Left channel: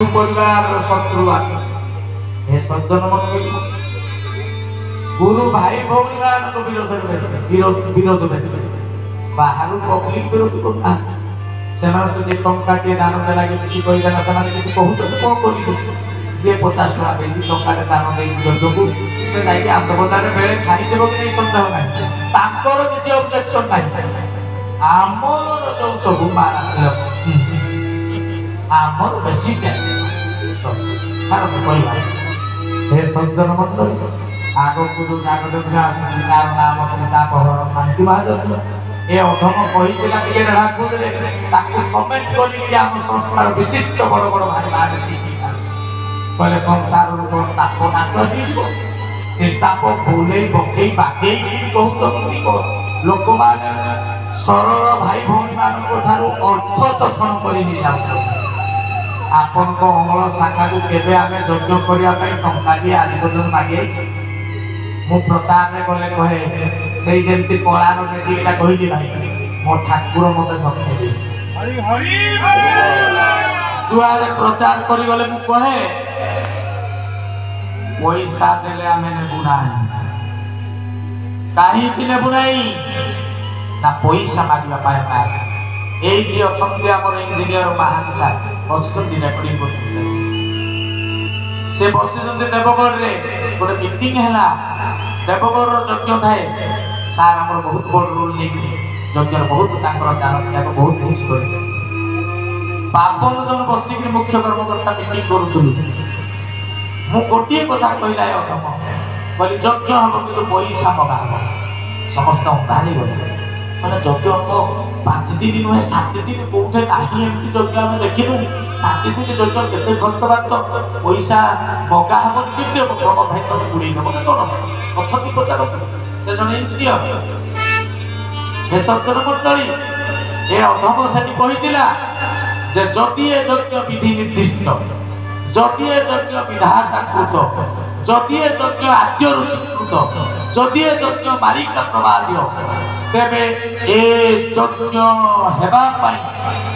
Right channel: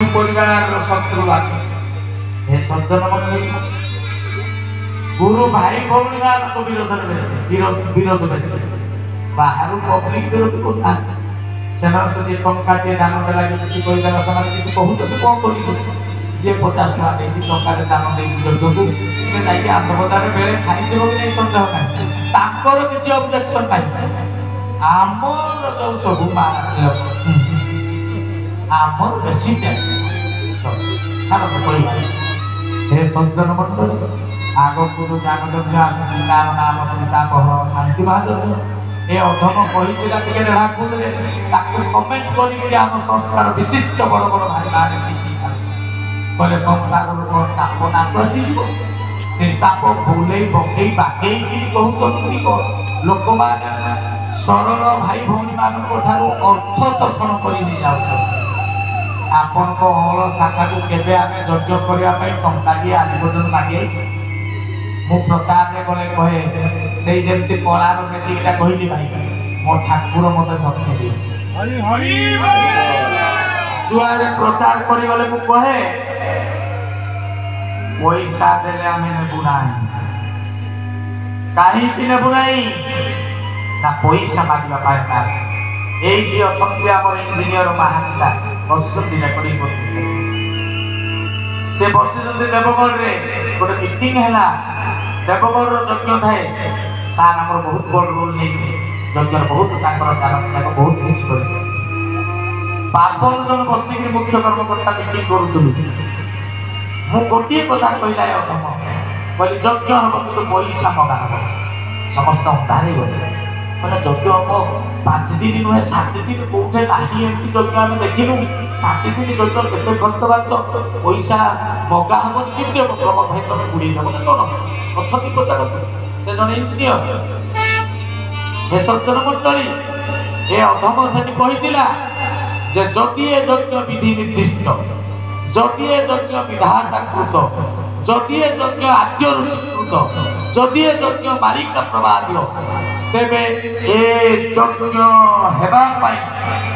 परिवार शत्रु हे सज्जन मंडली गुरु भाई भौणी को विरोध बेसी बाहर पब्लिक विरोध करना से टंका टे दान लगे किसी कहदेला से कहते कौन कर जी 50 टका दे टंका दान दे जगह से जाकि आत्मदान बेले खाईदेव कि नहीं सन्देह ना किसी ऑब्जेक्शन ना आमर जो सब आमर बेसी हे सज्जन मंडली आगक जो ज्ञानयज्ञ आसूँ तार नाम पितापहरण शांति महायज्ञ ए अधम कही रेढ़ाखुल कमेंट कर संस्थार विशिष्ट बड़ बड़ भाई बाहर चिठी छाड़े संसार लोक ताप नाश निर्ताप भूले पकई बागेई कहते लोक मैंने सरल भाई भौणी मान अर्थ शोषण कर आपण को हल शाखा को केबे आमे यज्ञ करिया पई टंका दिए आज पर्यंत मागे मु प्रचार रे गले कहे सेई जेंति कलार मेजिकटा कहिली भाई मो ठाकुर मते शक्ति दे हरि हरि जुआरे प्रचार करी गले मु कहे पैसा देले आमे नेबु नाही काहे कि नेबु नाही ना पैसा मागिबा पाए पास एई जे अछंती हमर इंजीनियर महान सार बसुचंदी रेकर्डिंग करते से बसुचंदी देवगढ़ रे गोटे मीटिंग है देवगढ़ यज्ञ थाए सार आमर बहुत बड़ रोल नहीं यज्ञ बहुत दान त्याग बहुत कुछ कर बापन जन बसिक मुख्य कर्मकर्ता मीटिंग करूँ मु गोटे कथा कहला अधम कहली यज्ञ हम कि पैसा मगा हम समस्त अंधारे गले मैंने यज्ञ हम 5 दिन नुहे 7 दिन कौटे ना एमती यज्ञ आम देखिलु 7 दिन यज्ञ के खर्च बार्च पैसा मगा हम केमती हम प्रमोद भाई तुम बुड़े देव कि कौन अच्छी प्रचार से जन इंजीनियर हे सज्जन मंडली ए अधम से कहला जे जदि ए यज्ञ विधि निर्दिष्ट जदि ए यज्ञ विधाता कृत जदि ए यज्ञ आद्य ऋषिकृत जदि ए यज्ञ बालिका प्रवाद्य तेबे ए यज्ञ हेबा पाई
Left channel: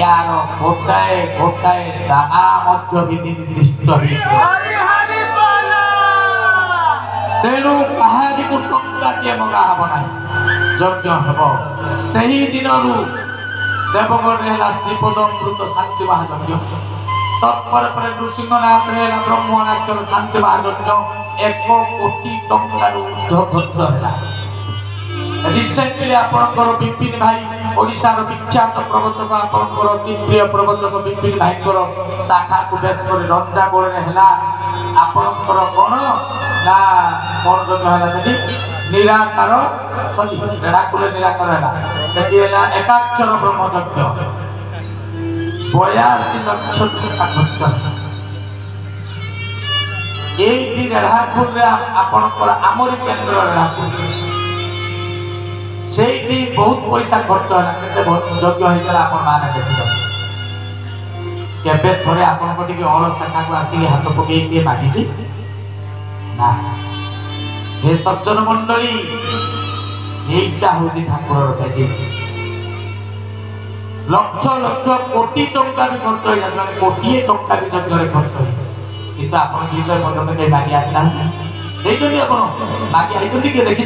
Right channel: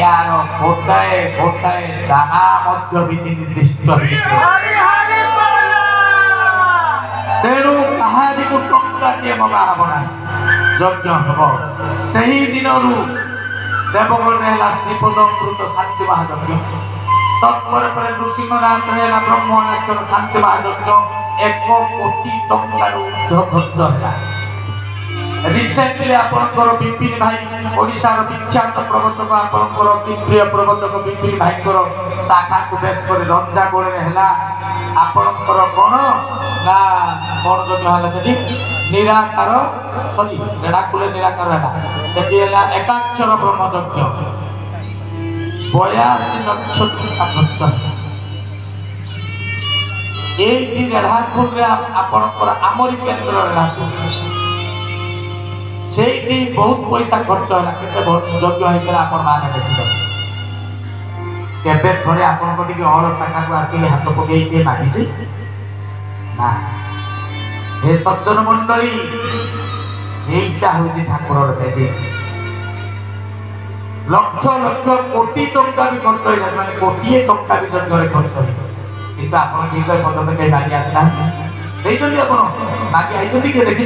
यार गोटाए गोटाए दाना मध्य विधि निर्दिष्ट तेणु कहारी को टंका के मगा हम ना यज्ञ हम सही दिन देवगढ़ श्रीपदमृत शांति महायज्ञ तत्पर नृसिंहनाथ ब्रह्मणाक्षर शांति महायज्ञ 1 कोटी टंकार ऊर्ध्व खर्च है रिसेंटली आपणकर विपिन भाई ओडिशार विख्यात प्रवचक आपणकर अति प्रिय प्रवचक विपिन भाई शाखा को बेस कर रंजा गोले है आपणकर कौन ना कौन यज्ञ है से निराकार सॉरी रेढ़ाकुले निराकार है से एकाक्षर ब्रह्मयज्ञ 82 लक्ष टका खर्च ये रेढ़ाकुल आपणकर आमरी केन्द्र रेढ़ाकुल से बहुत पैसा खर्च है यज्ञ होता आप देखते केबे थोड़े आपण हल शाखा को आसिक हाथ पकई मागिचे ना हे सज्जन मंडली यहीटा हूँ ठाकुर मैजिक लक्ष लक्ष कोटी टंका भी खर्च हो जाए मैंने कोटी टंका भी यज्ञ खर्च हो किंतु आप ठीक पर्यटन कहीं मागी आसना मागी आई किए देखी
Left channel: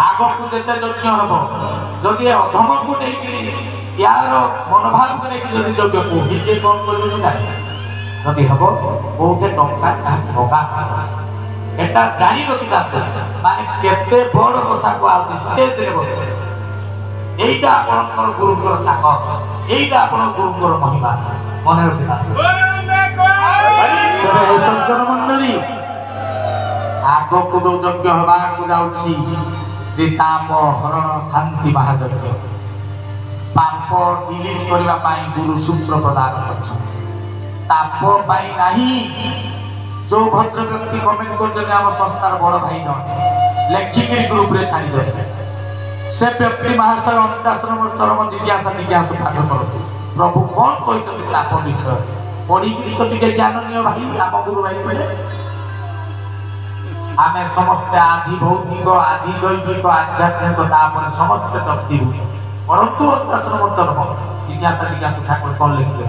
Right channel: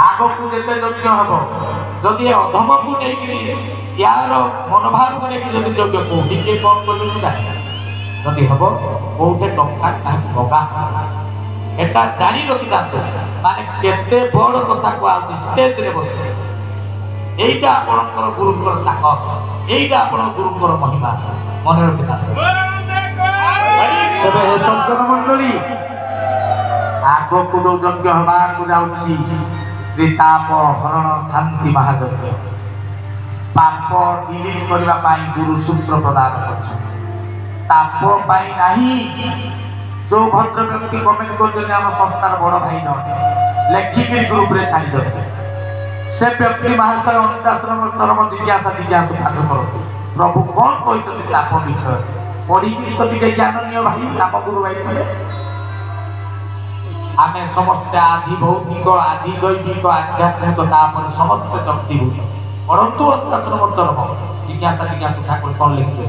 आगक जिते यज्ञ हम जदि अधम को नहीं यार मनोभाव को लेकिन यज्ञ कौटी किए कौन कर जदि हम कौटे टंका मगा एटा जानी रखी माने केते बड़ कथा को स्टेज रे बस एटा आपनकर गुरुकर ताकत एटा आपन गुरुकर महिमा मन रखी तबे हे सज्जन मंडली आगक जो यज्ञ हवा को जाउछि त्रिताप हरण शांति महायज्ञ पाप डिलीट करबा पाई गुरु सूत्र प्रदान करछन ताप पाई नाही जो भद्र व्यक्ति कमेंट कर आम संस्थार बड़ भाई जन लेखिक ग्रुप रे छाड़ी दे से व्यक्ति महाशय 49 नंबर चरम जिज्ञासा जिज्ञासु पाठ करते प्रभु कौन कहते ताप विषय पढ़ी टे ज्ञान नियो भाई आम गुरु भाई पड़े आमे समस्त आदि भौतिक आदि दैविक आध्यात्मिक समस्त दग्धीभूत परंतु 49 नंबर चरम जिज्ञासा जिज्ञासु ठाकुर कौन लिखते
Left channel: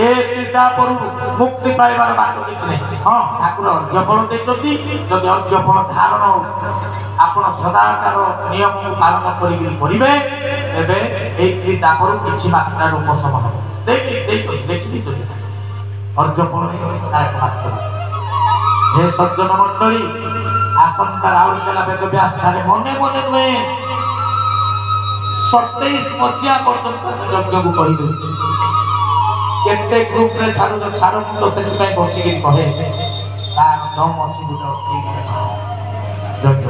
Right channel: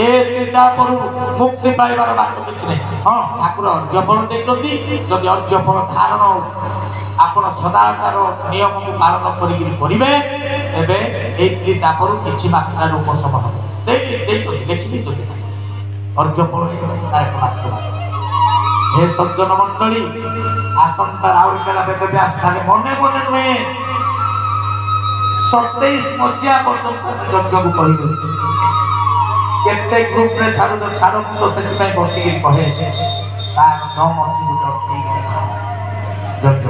ए त्रितापरु मुक्ति पाइबार बाट किछि नै हां ठाकुर अर्घ्यफल दैछथि जदि अर्घ्यफल धारण आपण सदाचार नियम को पालन करिबे एबे ए त्रितापरु किछि मात्रा उपशम हो दैछथि देखि दैछथि अर्घ्यफल तार मात्रा हे सज्जन मंडली आसंता राउरी बेला बेद व्यास थारे मने मने नुहे 27 मसिया पर्यंत यज्ञ को कहि दउछि केते ग्रुप रे छाडू तो छाडो मु तो सेति पय बसी के कहे तार दम अछि गुट ठीक देखा यज्ञ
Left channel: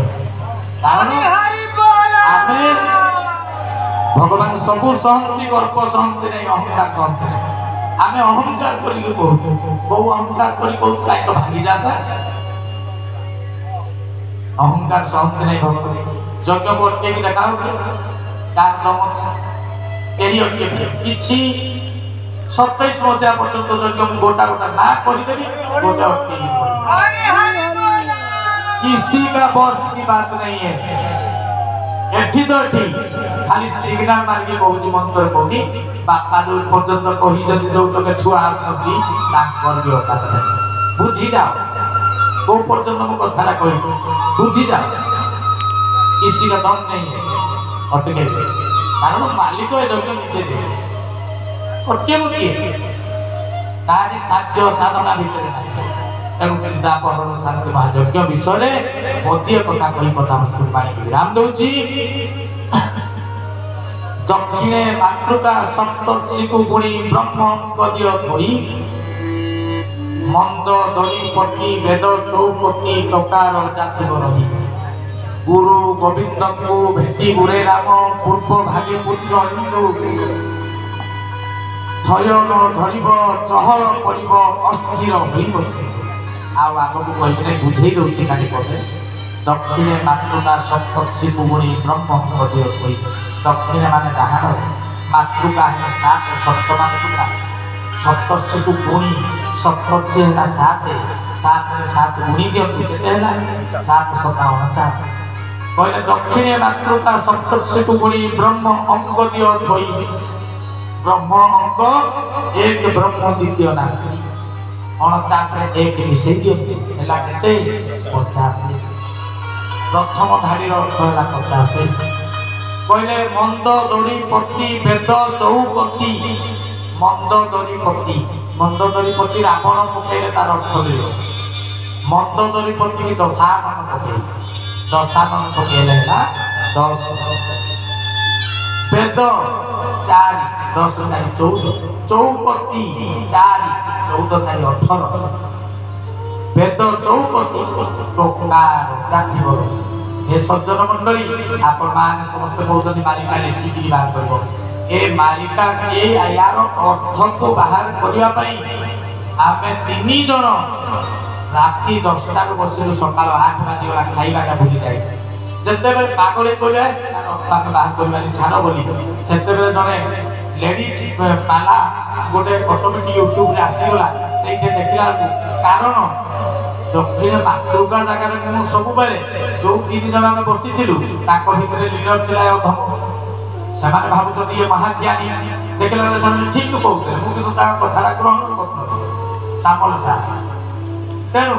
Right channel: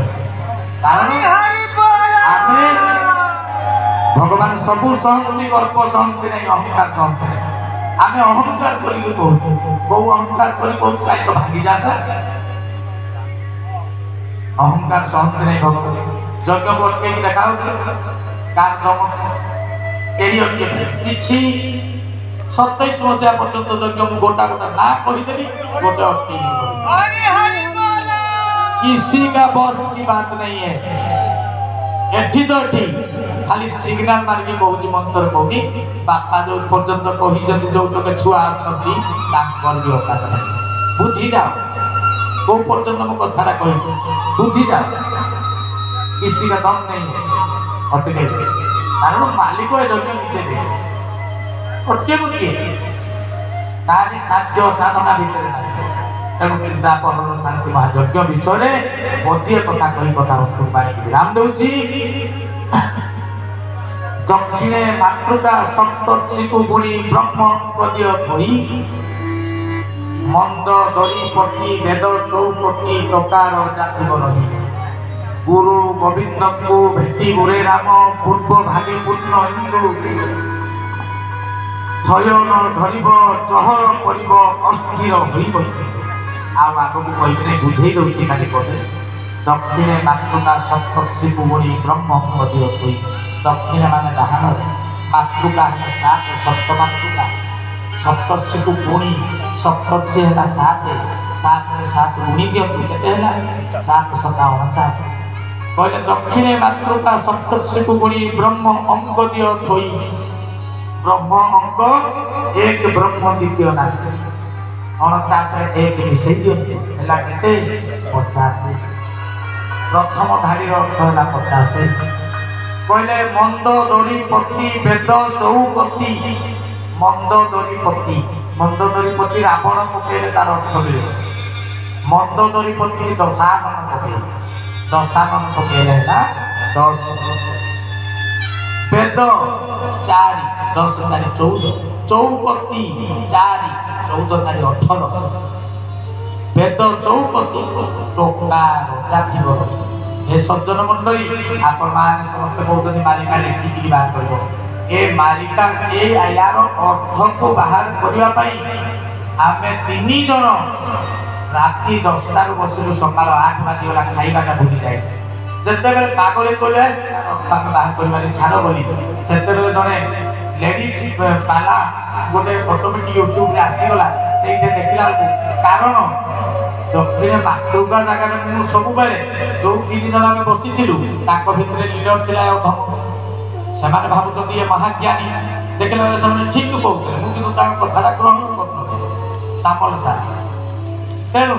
कारण हरि बोल आमे भगवान सबु सहंति गर्व सहंति नै अहंकार सहंति नै आमे अहंकार करी के बहुत अहंकार करी बहुत काई तो भागी जाता अहंकार सहंति नै भगवान यज्ञ बोल के देखाओ कि कार दम अछि एरियर के किछि 27 मसिया पर्यंत यज्ञ मु गोटा गोटा ना करिदेबी गोटे अटके किसी का बस की बात नहीं है एठी तो एठी खाली सिग्नल मार के बहुत मंत्र कहूनी बापा जो पर्यंत कहि जदि जो तो छुआ छथि ताकर जो बात नहीं बुझी जाओ को पर्यंत मु कथाटा कहि बुझी जाओ किसी का दम नहीं है अटके कारण मालिक ए यज्ञ नीचे दे अटके मुके तारी साध्य साधना भितर ना तेणु वृंदावन शांति महायज्ञ विषय गोटे कथा कही कथा वस्तु पानी विराम दौची दक्षिणे मातृका सप्तर्षि को गुणी ब्रह्म पदीय थई मंद दरिपति वेद चौपति टकार जातिब रही गुरु गोविंद को भेटी गुरे राम पूर्व भागे पुत्र इंदु थयन धरिब चहल करिब अस्थिर होई बसी आउ आगो को कहि नै बुझेई दउछि खाली पदे दक्षिणे मातृका सप्तर्षि को गुणी ब्रह्म पदीय थई दक्षिणे माने डाहाण मातृका है सात सप्त मातृका सप्तर्षि को गुणी सप्तर्षि है सात सात में सात गुणी दियो केते हैला 7 7 49 कहले दक्षिणे मातृका सप्तर्षि को गुणी ब्रह्म अंग दियो थई ब्रह्म अंग एक ब्रह्म द्वितीय नास्ति 49 रे एक मिसई दियो हैला केते 50 प्रथम धाडीर अर्थ हैला 50 कहले मंद दरिपति वेद चौपति मंद दरिपति रावण पकेले तार अर्थ मिलियो मंद दरिपति की दशानन पकेले ना 10 वेद 4 10 4 14 चौपति 4 14 4 18 वेद चौपति टोकार जाति बोल हे सज्जन मंडली आपण माने समस्त कहउतनी मालिका लिखि बाहर करबो ए मालिका ए यार अर्थ को बाहर करिवा पई आमे 3 जण राति 10टा रु बसिलु सकाळ 8 बाजी वाला खाइबाटा भूली जाय जते बेले पागले कोले अर्थ बाहर करिवानी छाड़ बोली सेते बेले जने लेडीज पाला गोटे ऑटोमेटिक यूट्यूब रे आसी गला सेइते देखिला कारण दक्षिण मातृका जगह मु सब बेले जो 3 जन आमे बसिथिलु ताको भितरे लीडर थिला अधम सेमाने भाबुत ये महाज्ञानी देखला बेले सब ठीक कहउते मु किंतु ता कथाटा ग्रहण करन सामल सा तेनु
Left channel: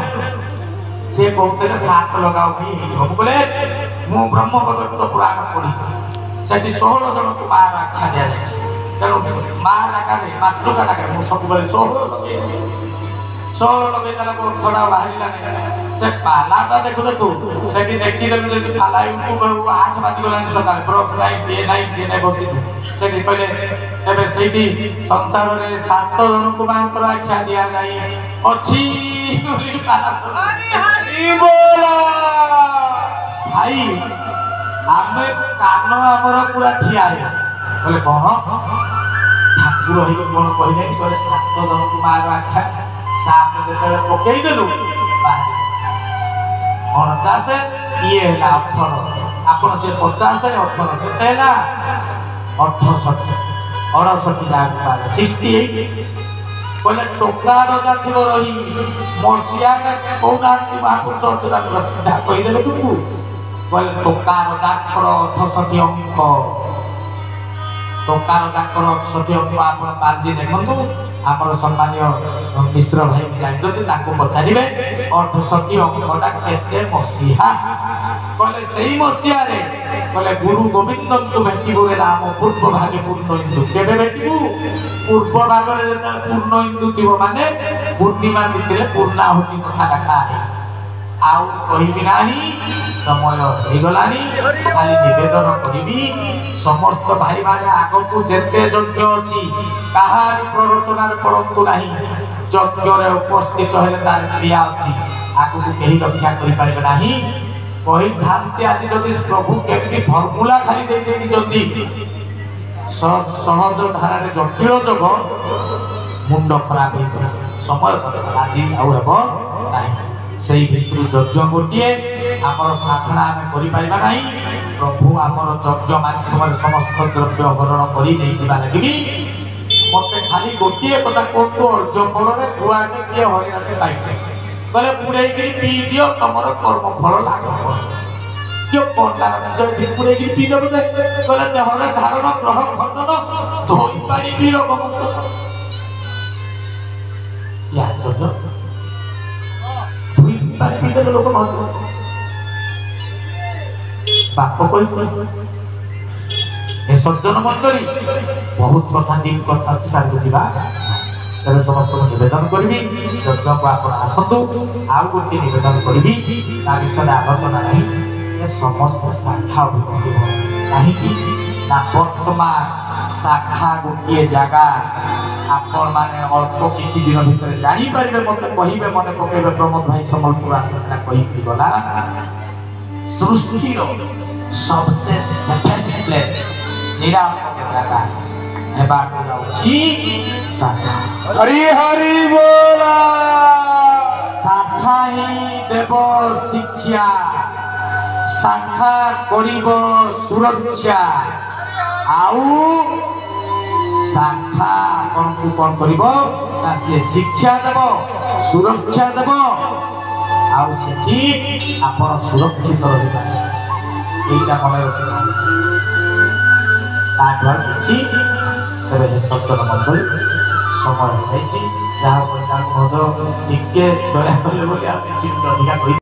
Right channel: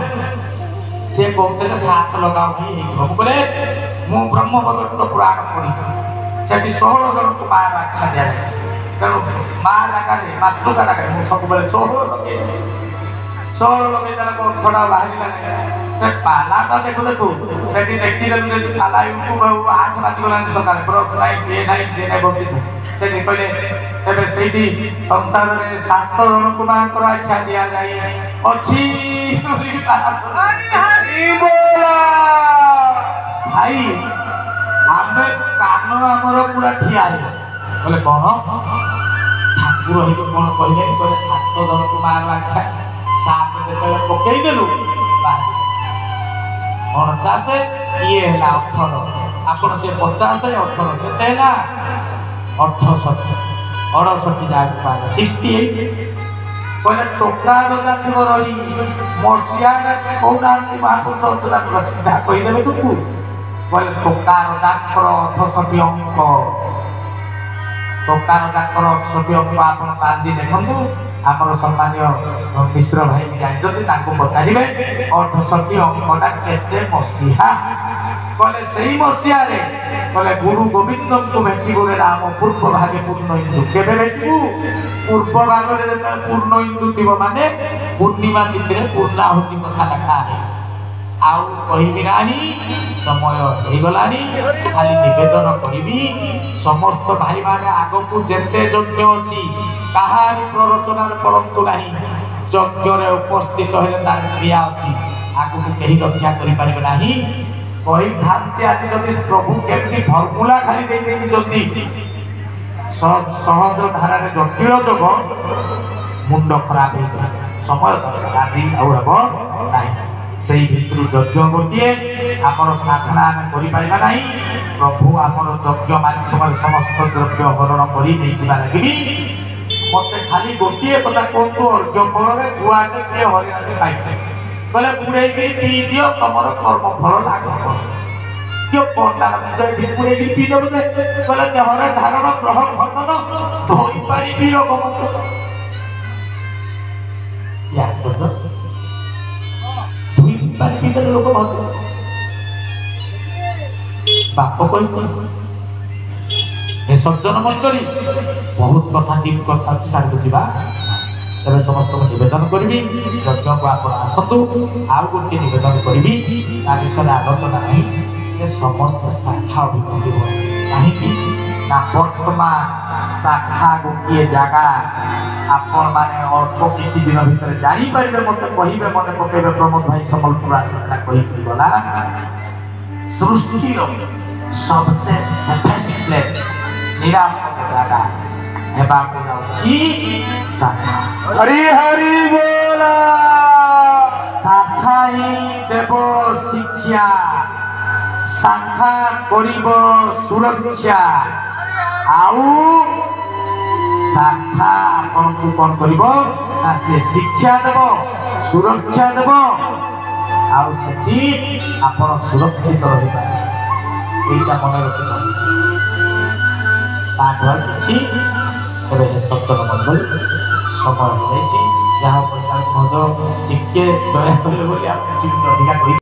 से कहते सात लगाओ भाई मु बोले मु ब्रह्म भगवत पुराण पढ़ी सेठी 16 जन को मार आख्या दिया जाय तेनु मां लगारे मातृका लगारे मु सब बेले 16 लगे 16 लगे देला को थोड़ा बाहरिला नै से पालाटा देखु सेठी देखि देलु जे पाला यूट्यूब 8 बाजी गलानी सकाळ ब्रश लाइन ए नाइन जे नै बसितु सेठी कहले एबे सेठी संसार रे 7 जन को मानकर आख्या दिया जाय अछि बोली पाला हरि बोला भाई आमे कानो हमर पूरा ठिया रे बोले कोन ठाकुर होई कोन कहले बोले 7 जन को मार आख्या सात जेतेले पकई देलु बाहर 49 ये हैला 18 आपण से 50 18 केते हैला 68 जाक 68 कहले टोकार जातिब रही मसिया कोना महापुरुष अतुला सीधा कहि देबे तुमको कहले टोकार जाकर 68 अंक टोकार जाकर 68 अंक आपण पार्जी देखंतु आमर सम्मान्य मिश्र भाई भी जानते पचारे अर्धशती अंकटा केते मसीहा कले से मसीह कले गुरु गोविंद को भेटू रे राम पूर्व भागे पूर्ण हिंदू केवे भेटू पूर्व भागे पूर्ण हिंदू थी माने पूर्णिमा तिथि पूर्णाहुति कथा देखा है आउ कहि नाही समय हो गलानी खाली निवेदन करी समस्त भाई माने आग को जेते यज्ञ अछि कहार प्ररोचनार परंतु नाही यज्ञ रे उपस्थित हेले तार क्रिया अछि आगु को केही रक्षा करि पारिबे नाही कहि धानते आज जदि प्रभु केमती फॉर्मूला खाली दे देती जल्दी सब सहज धारा रे जटिल जग मुंड खराब हो समय दरकार आज आउ हेबो नाही सेही भितरु यज्ञ गोटे आमर साधना आम कर प्रभु आमर यज्ञ माध्यम समस्त द्रव्य हरण कर लगे मत खाली गोटे कथा कहतु अर्घ्य फल दुआटे किए हरिणाटे पाइছে बोले बुड़े पी दियो तुम कर्म फल लाग किए पंडा बुड़े पी देव बोले देहरे धारण ग्रह खंडन धोई पानी पी रोग लोक बाप कही सज्जन मंडली बहुत कथा डीप कथा अच्छी साड़ी को जा तेरे समस्त को निवेदन करी यज्ञ को आप आसतु आउ गोटे निवेदन करी विषय आलोचना नहीं ये समस्त शाखा अभिवृद्धि हो कहीं वर्तमान शाखा गोटे जगह आपण माने अल्प किछि दिन भितर जानी पारिबे मते कहिबे मने पकेबे प्रमोद भाई संबलपुर आसला कहि गला सृष्टि रो सबसे सेफेस्ट प्लेस निरापद जगह हेबा को जाउछि शाखा हरि हरि बोला शाखा ही देव शिक्षा शाखा करिब सुरक्षा आउ शाखा आपन को कौन करिबो ना से शिक्षा देव सुरक्षा देव आउ सेठी आपन सुरक्षित रहिबा एटा मन रखि ताठर किछि तबे सत्तर मंडल समय हो जाइछि जहाँ पर मधो टिके दया कले बोली आप किछि अधिका